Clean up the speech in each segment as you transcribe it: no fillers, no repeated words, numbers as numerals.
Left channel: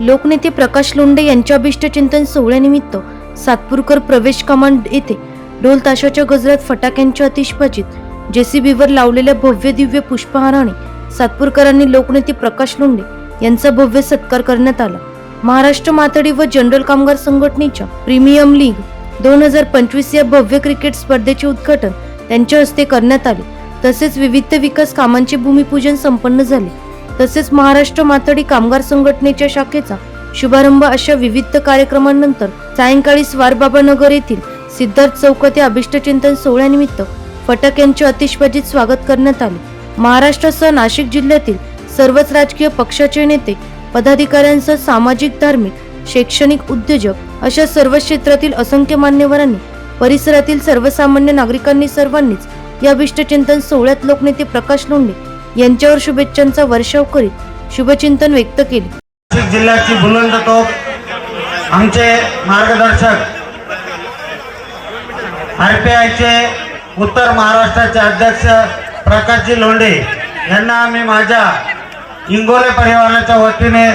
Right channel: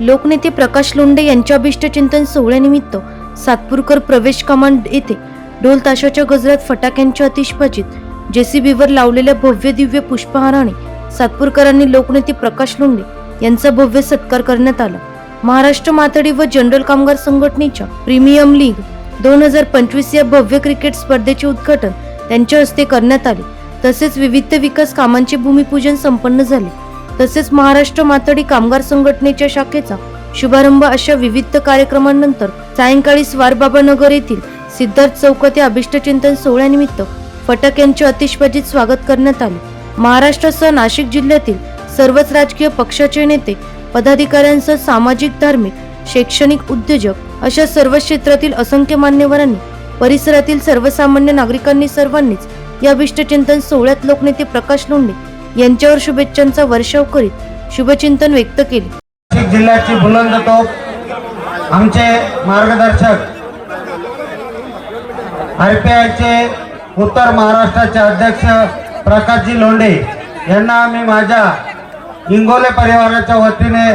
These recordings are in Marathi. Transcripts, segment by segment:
लोकनेते प्रकाश लोंढे यांच्या अभिष्टचिंतन सोहळ्यानिमित्त सातपूरकर प्रवेश कमांड येथे ढोल ताशाच्या गजरात फटाक्यांच्या आतिषबाजीत जेसीबीवर लावलेल्या भव्य दिव्य पुष्पहाराने सातपूरकरांनी लोकनेते प्रकाश लोंढे यांचा भव्य सत्कार करण्यात आला। महाराष्ट्र माथाडी व जनरल कामगार संघटनेच्या प्रीमियम लीग 2025 या भव्य क्रिकेट स्पर्धेचे उद्घाटन त्यांच्या हस्ते करण्यात आले। तसेच विविध विकास कामांचे भूमिपूजन संपन्न झाले। तसेच महाराष्ट्र माथाडी कामगार संघटनेच्या शाखेचा शुभारंभ अशा विविध कार्यक्रमांनंतर सायंकाळी स्वारबाबा नगर येथील सिद्धार्थ चौकात या अभिष्टचिंतन सोहळ्यानिमित्त फटाक्यांच्या आतिषबाजीत स्वागत करण्यात आले। महाराष्ट्रासह नाशिक जिल्ह्यातील सर्वच राजकीय पक्षाचे नेते, पदाधिकाऱ्यांसह सामाजिक, धार्मिक, शैक्षणिक, उद्योजक अशा सर्व क्षेत्रातील असंख्य मान्यवरांनी, परिसरातील सर्वसामान्य नागरिकांनी सर्वांनीच या अभिष्टचिंतन सोहळ्यात लोकनेते प्रकाश लोंढे यांच्यावर शुभेच्छांचा वर्षाव करीत शुभचिंतन व्यक्त केले। नाशिक जिल्ह्याची बुलंद तोफ आमचे मार्गदर्शक आरपीआयचे उत्तर महाराष्ट्राचे अध्यक्ष प्रकाशजी लोंढे यांना मी माझ्या इंगोले परिवाराच्या वतीने,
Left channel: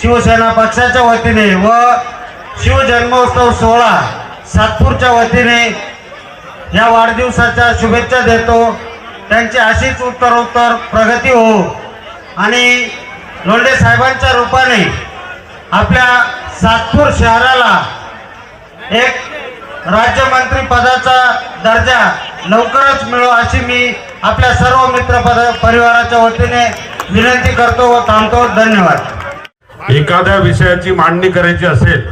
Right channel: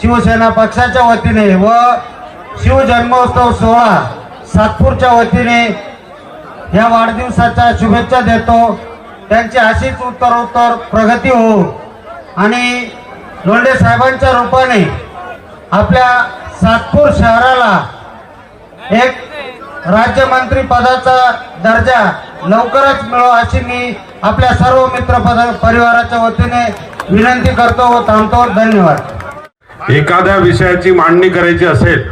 शिवसेना पक्षाच्या वतीने व शिवजन्मोत्सव सोहळा सातपूरच्या वतीने या वाढदिवसाच्या शुभेच्छा देतो। त्यांची अशीच उत्तरोत्तर प्रगती हो आणि लोंढे साहेबांच्या रूपाने आपल्या सातपूर शहराला एक राज्यमंत्री पदाचा दर्जा लवकरच मिळो अशी मी आपल्या सर्व मित्र परिवाराच्या वतीने विनंती करतो व थांबतो। धन्यवाद। एखाद्या विषयाची मांडणी करायची असेल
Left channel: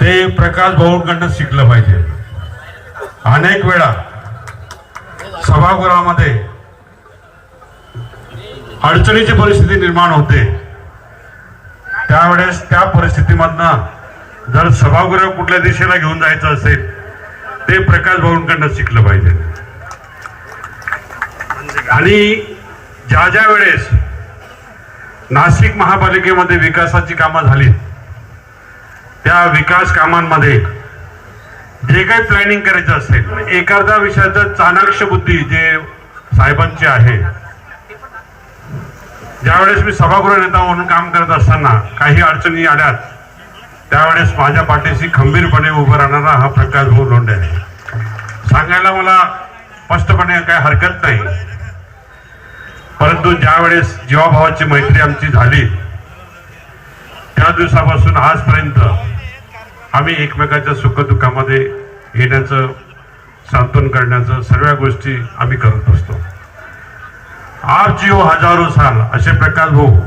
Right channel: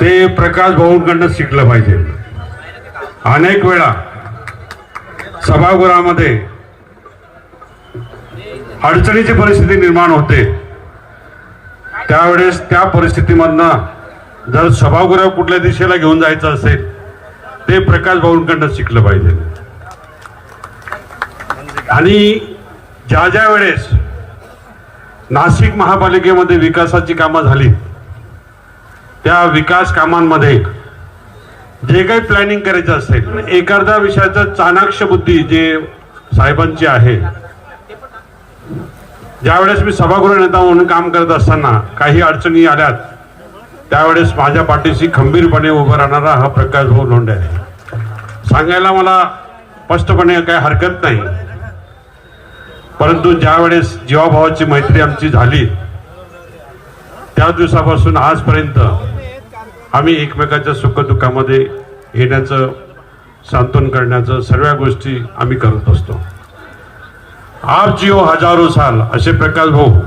ते प्रकाश भाऊंकडून शिकलं पाहिजे। अनेक वेळा सभागृहामध्ये अडचणीची परिस्थिती निर्माण होते, त्यावेळेस त्या परिस्थितीमधनं जर सभागृह कुठल्या दिशेला घेऊन जायचं असेल ते प्रकाश भाऊंकडून शिकलं पाहिजे। आणि ज्या ज्या वेळेस नाशिक महापालिकेमध्ये विकासाची कामं झाली, त्या विकास कामांमध्ये जे काही प्लॅनिंग करायचं असेल, एखाद्या विषयाचा चाणाक्ष बुद्धी जे साहेबांची आहे, ज्यावेळेस मी सभागृह नेता म्हणून काम करत असताना काही अडचणी आल्यात त्यावेळेस माझ्या पाठीशी खंबीरपणे उभा राहणारा हा प्रकाश भाऊ लोंढे आहे। सांगायला मला स्पष्टपणे काही हरकत नाही, परंतु ज्यावेळेस जीवाभावाची मैत्री आमची झाली त्या दिवसापासून आजपर्यंत आम्ही एकमेकाच्या सुखदुःखामध्ये येण्याचं, सांत्वन करण्याचं सर्व गोष्टी आम्ही करत असतो। आप जियो हजारों साल असे प्रकाश भाऊ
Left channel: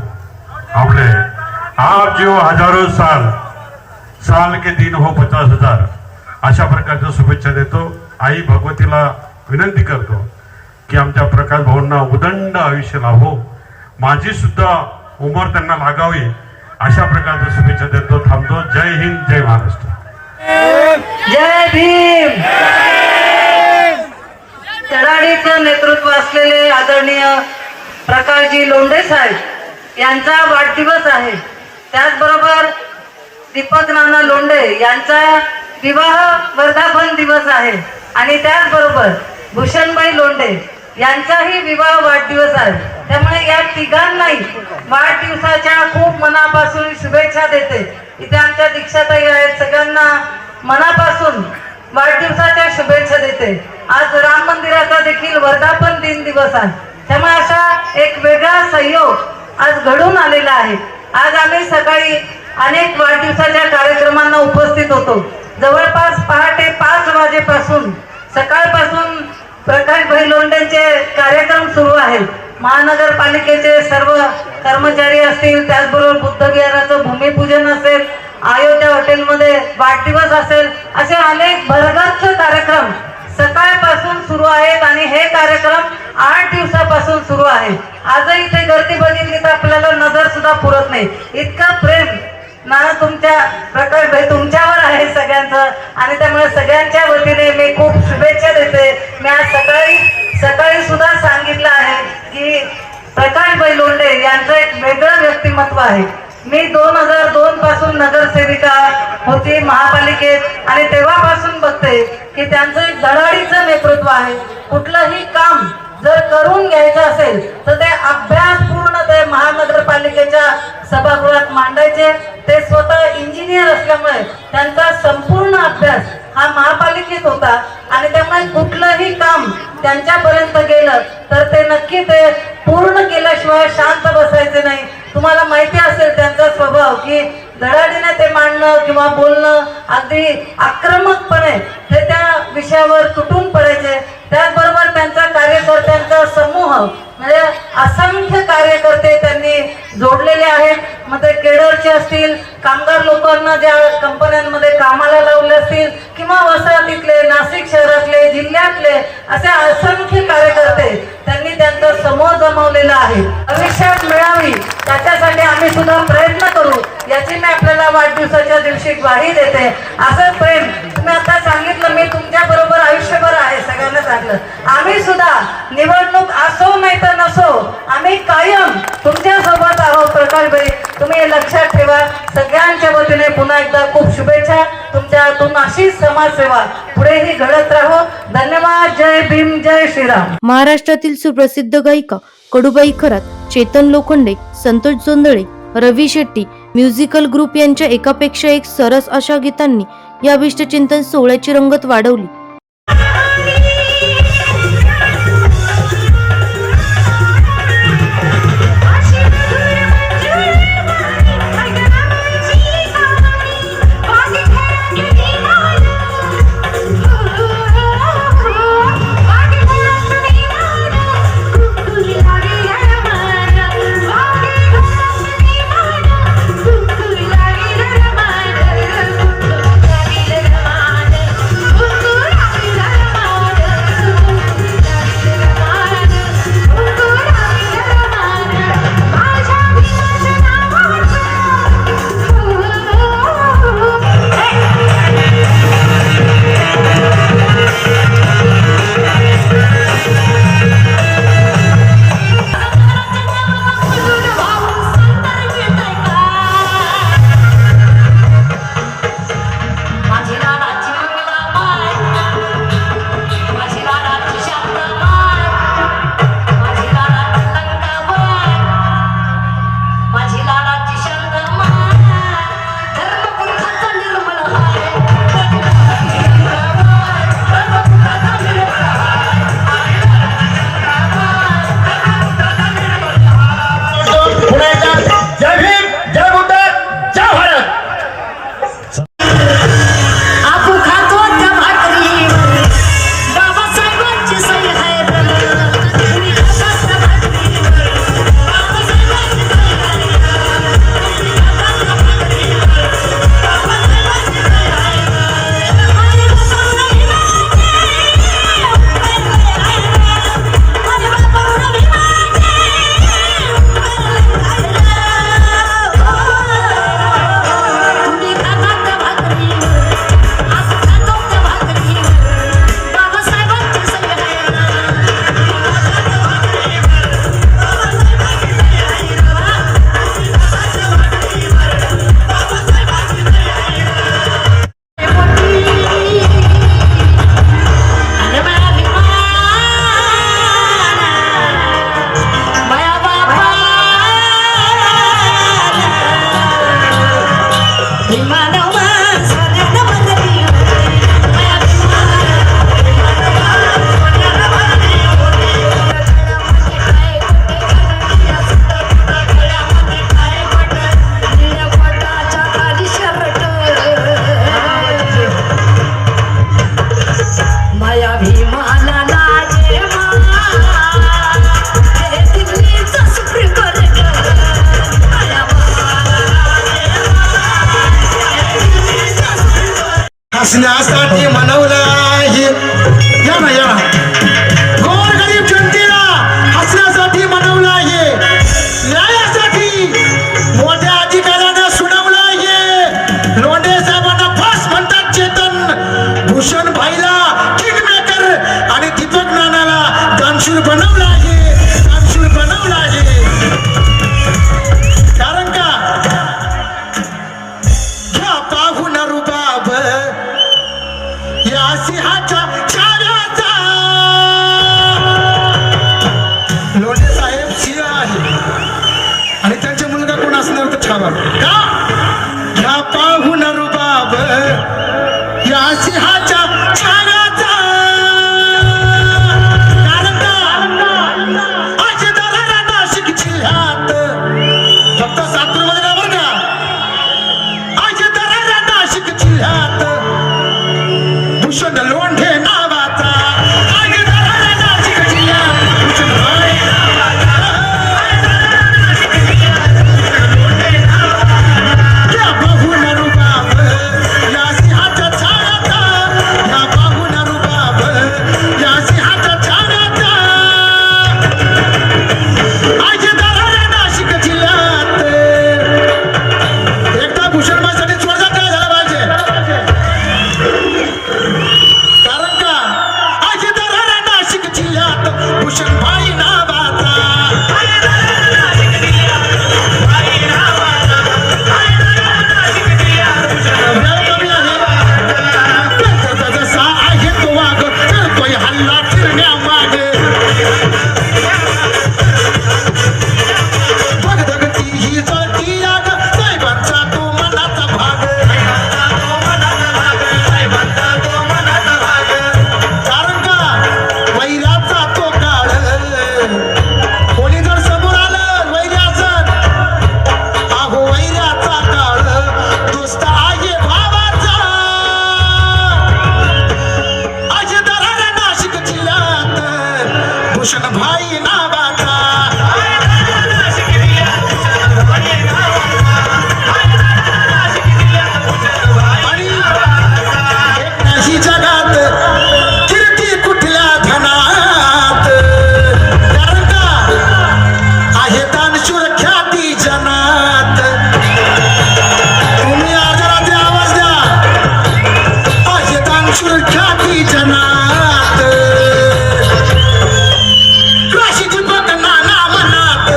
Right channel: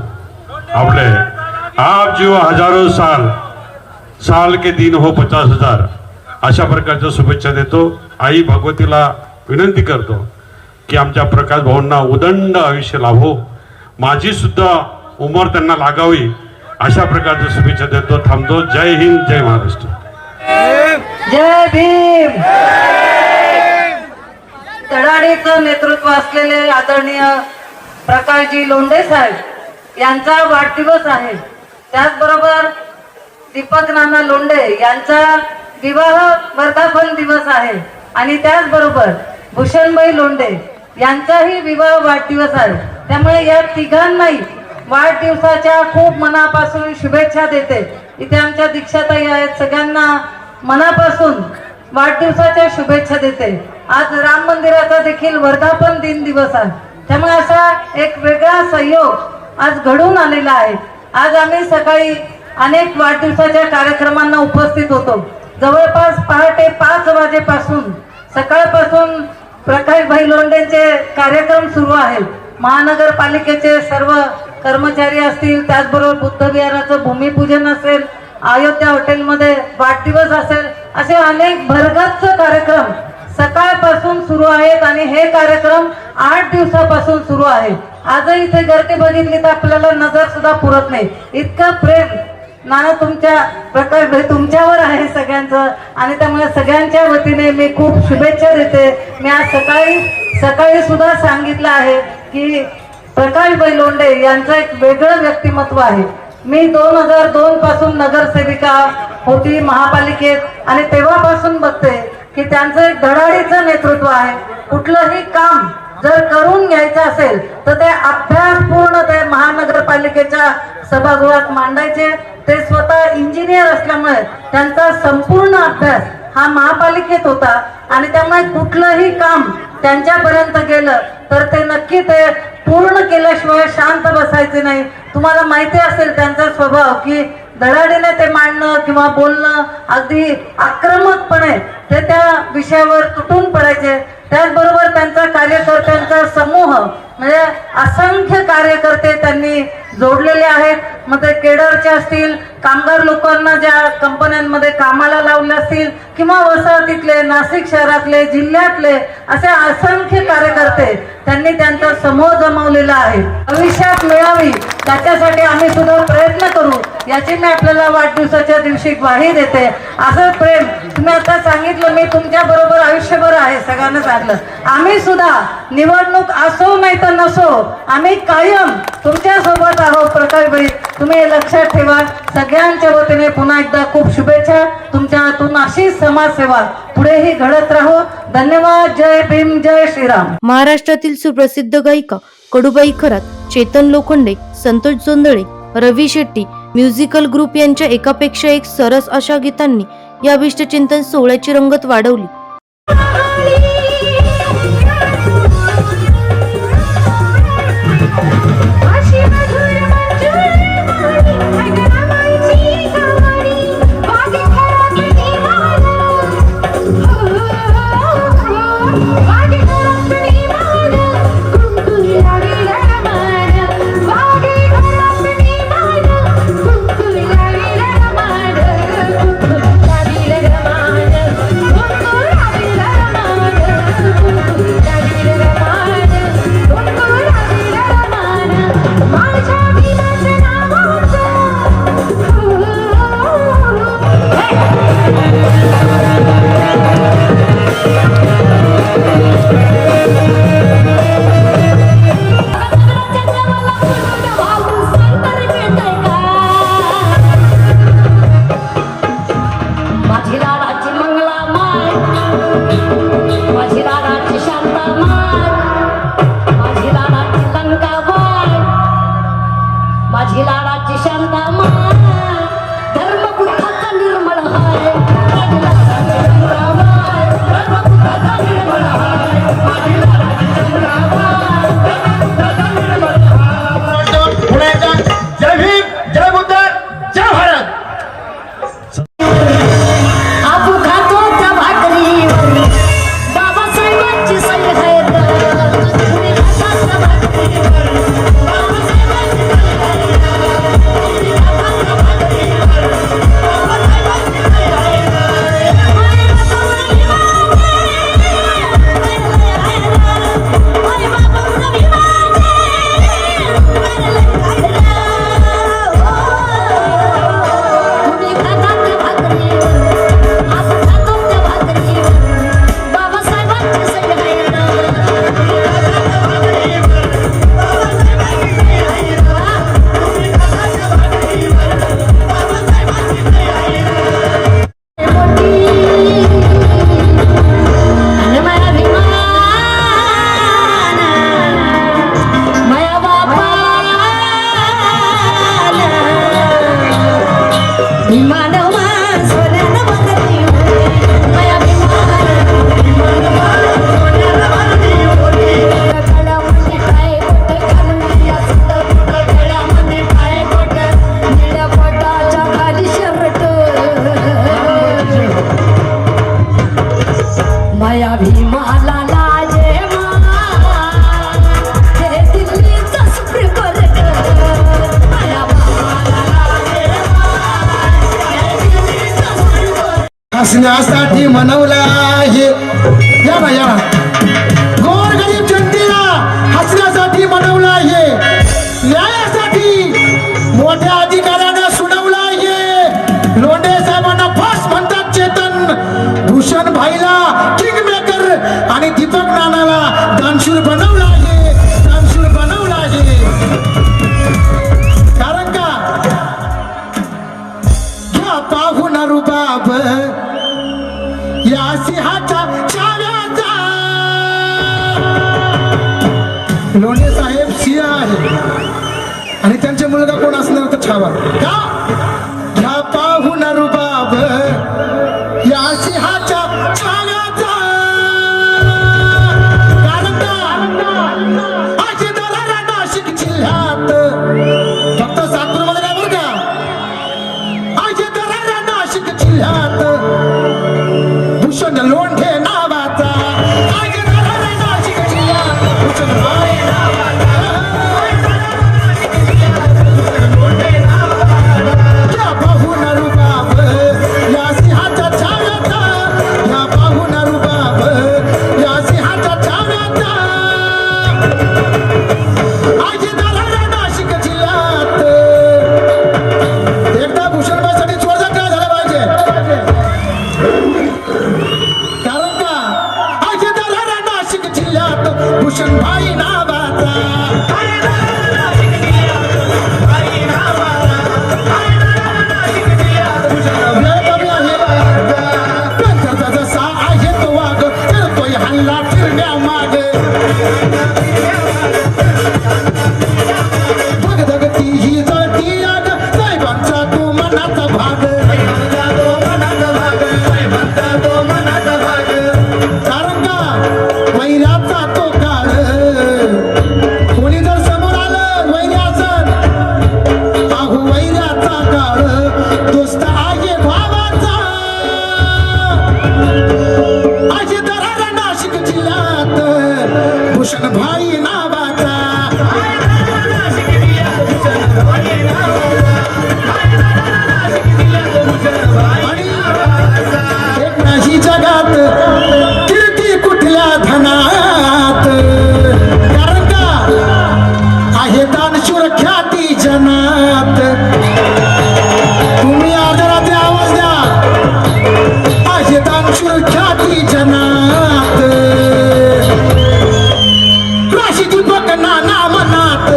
आपले, आप जियो हजारों साल, साल के दिन हो 50,000 अशा प्रकारच्या शुभेच्छा देतो। आई भगवतीला विनंती करतो की आमच्या प्रकाश भाऊंना उदंड आयुष्य लाभो, माझी सुद्धा उमर त्यांना लागावी अशा प्रकारच्या शुभेच्छा देतो। थांबतो। जय हिंद, जय महाराष्ट्र, जय भीम। चढाडीचं नेतृत्व असलेले आदरणीय प्रकाशजी लोंढे साहेब यांचा वाढदिवस आहे। त्याचबरोबर दीपक नाना लोंढे यांचा विवाह वर्धापन दिवस आहे आणि त्याचबरोबर भूषणबाई लोंढे यांचाही विवाह वाढदिवस आहे। त्यामुळे या तिघांनाही वाढदिवसाच्या खूप मनापासून शुभेच्छा देते। इथे आमच्या दीक्षाताई आहेत, सगळ्यांना मनापासून वाढदिवसाच्या शुभेच्छा देते। आज राम मंदिराचा देखील वर्धापन दिन दिवस आहे, त्यामुळे असा एक वेगळा संयोग आज घडून आलेला आहे। आज आम्ही सकाळी अनेक वाढदिवसाच्या कार्यक्रमांना उपस्थित होतो। जवळपास पहाटे 5 वाजेपासून, सकाळपासून प्रकाशभाई लोंढेंचे कार्यक्रम सुरू आहेत। महानगरपालिकेचे सर्व कर्मचारी असतील, त्याचबरोबर बुद्धविहाराचं भूमिपूजन असेल, अयोध्या हॉटेलमध्ये वाढदिवस असेल, असे अनेक भरगच्च कार्यक्रम सकाळपासून सुरू आहेत आणि हे कार्यक्रम 8 दिवसापासून सुरू आहे। आजही इथे गर्दी बघितली तर आपल्याला नजर सुद्धा पुरत नाही, इतकं प्रेम नाना तुमच्या प्रकाशभाई तुमच्यावर आहे सगळ्यांचं, आणि त्यामुळे सगळ्यांच्या वतीने मी खूप शुभेच्छा देते। मी आज सकाळी सुद्धा सांगितलं आहे की प्रकाशभाई लोंढे यांचं एक वेगळं व्यक्तिमत्व आहे। मी 2002 पासून नगरसेविका होती महापालिकेत आणि तेव्हापासून बघते की त्यांचं एक धडाडीचं नेतृत्व आहे। कुठलंही काम जर करून घ्यायचं असेल तर ते अभ्यासपूर्ण ते महानगर महानगरपालिकेच्या सभागृहात मांडायचे. ते स्वतः इंजिनियर असल्यामुळे त्यांचा संपूर्ण अभ्यास हा महापालिकेत होता आणि त्यामुळे कुठलंही काम त्यांच्यापर्यंत गेलं तर ते नक्की ते पूर्ण केल्याशिवाय शांत बसायचे नाही. तुम्हाला माहिती असेल त्यांचा स्वभाव की धडाडीने ते मांडणं किंवा बोलणं अगदी आक्रमकपणे ते त्या विषयावर तुटून पडायचे. त्याचबरोबर त्यांचा कार्यकर्त्यांचा समूह म्हणजे असंख्य कार्यकर्ते त्यांनी जोडलेले आहेत. मग ते केडरचे असतील, कामगार लोकांना ज्या कंपन्यांमध्ये कामाला लावले असतील किंवा वसाहतीतले, नाशिक शहरातले, जिल्ह्यातले असे असंख्य कार्यकर्ते त्यांनी त्यांचा समूह जमवलेला आहे. भविष्यात मिळावी त्याच्यासाठी आम्ही सुद्धा प्रयत्न करू याची मी आपल्याला वाढदिवसाच्या दिवशी ग्वाही देते. असंच प्रेम तुम्ही आता सांगितलं, मी तुमच्या बरोबर आयुष्यभर आहे सगळ्यांना सांगलं. आम्ही सुद्धा निवडणूक असो नाही तर नसो आम्ही कायम तुमच्या सोबत आहोत. प्रकाशभाई तुम्ही हे लक्षात ठेवा. सगळ्यांच्या वतीने पुन्हा एकदा खूप शुभेच्छा. तुमच्या हातून अशीच समाजसेवा पुढेही घडत राहो. धन्यवाद. जय भीम, जय श्रीराम. महाराष्ट्रातील सुप्रसिद्ध गायिका कडूबाई खरात, चेतन लोखंडे, संतोष जोंधळे, रवी शेट्टी म्युझिकल ग्रुप यांच्या एकापेक्षा एक सरस अशा गीतांनी या अभिष्टचिंतन सोहळ्याची रंगत वाढवली. हसण्यासाठी मनवला आहे. या ना या गोर गरीब जनतेला हसण्यासाठी मनवला आहे. न्यायासाठी मोठ्या अधिकाऱ्याने सुनावला आहे. लोंढे साहेबांना फास म्हणतात. चेतन भूषण भाईला किंग मेकर आणि दीपक नानाला दानशूर बनवला आहे. दानशूर बनवला आहे. कारण का घ्या पाहून रुबाब या सिंहाचा चाव्याचा. लोंढे साहेब सिंह आहे आणि भाई नावाचा जसा आहे तो वाग करतोय हल्ला फिरण्या मागे धगधगती ही जळती आग साहेबांचा तो मनाचा भाग कारण का वैराचा तो काळ कोणी जर समोर आलं वैराचं अहो वैराचा काळ दोस्त आहे भावाचा असे दरारा नाशिक जिल्ह्यात भूषण भाई नावाचा आणि एक नाही जगात कीर्ती कुठल्या धनात कारण का आहे दानशूर ख्याती जनात तुम्ही आदरात आवाज द्या आहे दानशूर ख्याती जनात राशी दीपक नाना मनात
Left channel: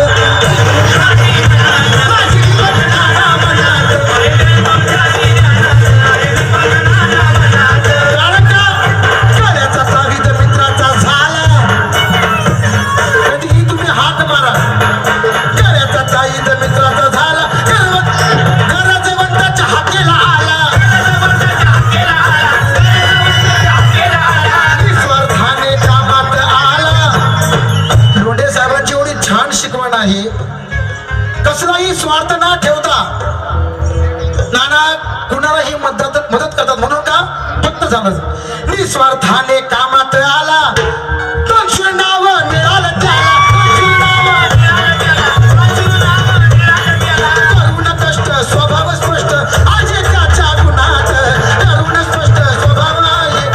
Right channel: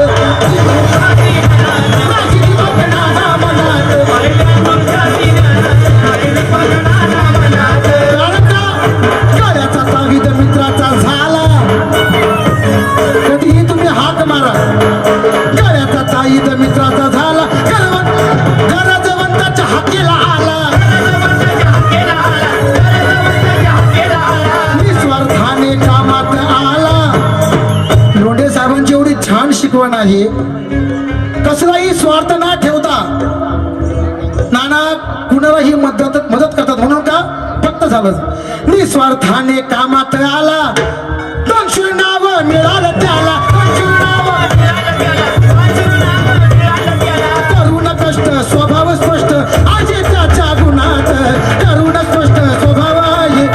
राशी दीपक नाना मनात कारण का गळ्याचा चावीत मित्राचा झाला कधीही तुम्ही हात मारा गळ्याचा चावीत मित्राचा झाला गरजवंताच्या हाकेला आला निस्वार्थाने कामात आला लोंढे साहेबांची एवढी छान शिकवण आहे कसलाही स्वार्थ न ठेवता नाना कुणालाही मदत करतात म्हणून का फक्त झालं निस्वार्थाने कामात आला दानशूर नाव मिळालं त्याला करुण कष्ट स्वभाव स्पष्ट आहे त्याच्या गुणात करुण स्पष्ट स्वभाव आहे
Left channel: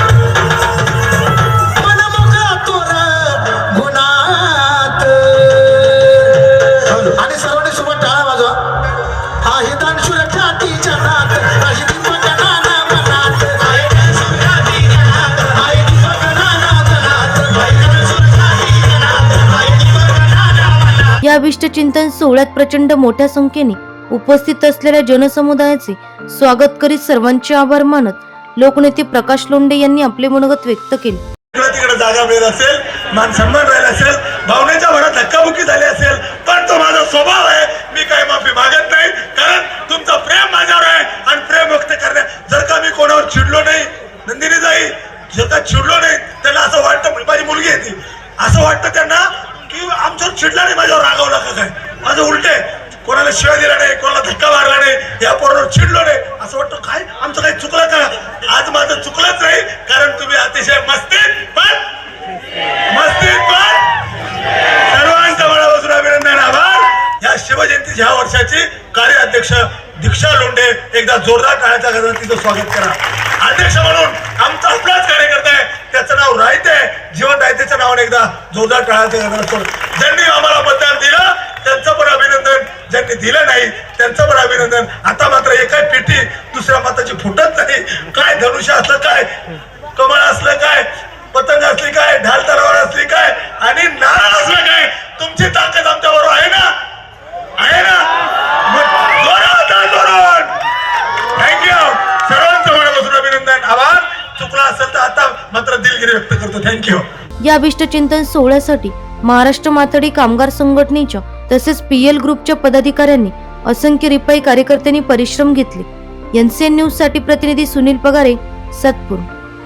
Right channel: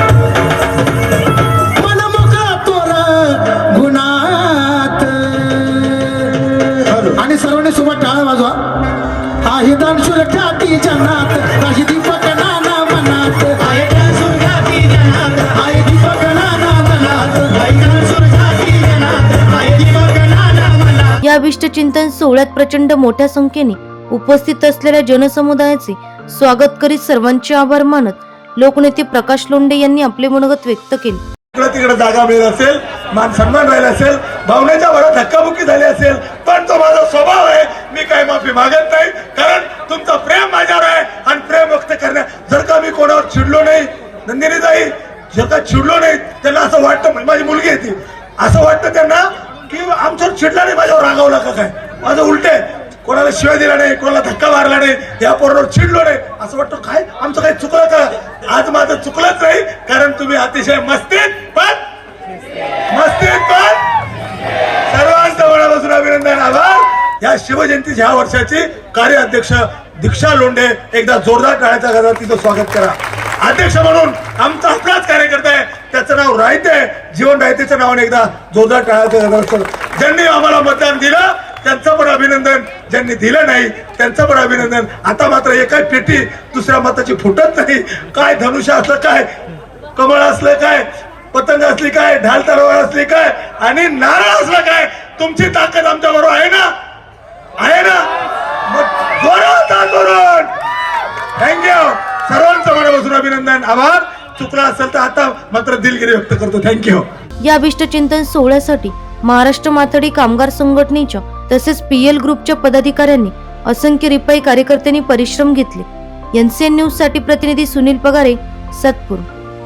मन मोकळा तोर गुणात आणि सर्वांनी सोबत टाळा वाजवा आहे दानशूर ख्याती जनात काही दीपक नाना मनात आहे दानशूर ख्याती जनात आहे दीपक नाना मनात आहे दानशूर ख्याती जनात आहे दीपक नाना मनात या अभिष्ट चिंतन सोहळ्यात प्रचंड मोठ्या संख्येने उपस्थित असलेल्या जनसमुदायाचे स्वागत करीत सर्वांचे आभार मानत लोकनेते प्रकाश लोंढे यांनी आपले मनोगत व्यक्त केले. तिकडे जागा मिळत असेल मान सन्मान राहिला असेल भावनेच्या भरात धक्काबुक्की झाली असेल पण तो माझा स्वभाव आहे मी काही माफी मागत नाही कारण तुमचं प्रेम माझ्यावर आहे आणि प्रेम व्यक्त करण्या जर का मी कोणावर चिडलो नाही नंदिनी जाई जर का चिडलो नाही त्यांना असं वाटतं माझी मुलगी आहे ती असं वाटतं त्यांना की आमच्यावर चिडला नाही माझ्यावर रागावला का काय माझं उलट आहे कोणाला शिवाय दिला नाही कोणाला धक्का मारला नाही या पोरावर चिडलो नाही असं वाटतं काय आमचं काही चुकलं का आज माझं चुकलंच नाही कारण तुम्ही अतिशय मस्तीत पण सर्वांच्या मनापासून अभिनंदन आभार या शिवजयंतीच्या ह्या वर्षाची कार्याध्यक्ष दीक्षा लोंढे एकदा जोरदार टाळ्याच्या गजरात तिचं स्वागत करा अध्यक्ष म्हणून आमचा आपलाच कार्यकर्ता आहे त्याचं नाव रायते जीवन रायतेच्या नावाने एकदा जोरदार टाळ्याच्या गजरात ज्यांनी आम्हाला मतदान दिलं त्यांचं पण अभिनंदन ज्यांनी दिलं नाही त्यांचं पण अभिनंदन आता मात्र एकाच पेटी दुसऱ्या मताची फुटत नाही काय धनुष्य असलं काय कमळ असलं काय पतंग असली काय ढाल तलवार असली काय आणि नारळ असलं काय तुमची ताकद आमच्या बरोबर आहे ना मग जोरात थँक्यू सर्वांचं मनापासून अभिनंदन आभार चुकला असेल तर आता मात्र दिलगिरी व्यक्त करतो थँक्यू. या अभिष्ट चिंतन सोहळ्यासाठी महाराष्ट्र माथाडी कामगार संघटनेच्या तसेच PL ग्रुपच्या पदाधिकाऱ्यांनी असंख्य रिपाई कार्यकर्त्यांनी परिश्रम घेतले. NCN न्यूज साठी प्रतिनिधी सुनील पगारे, सातपूर.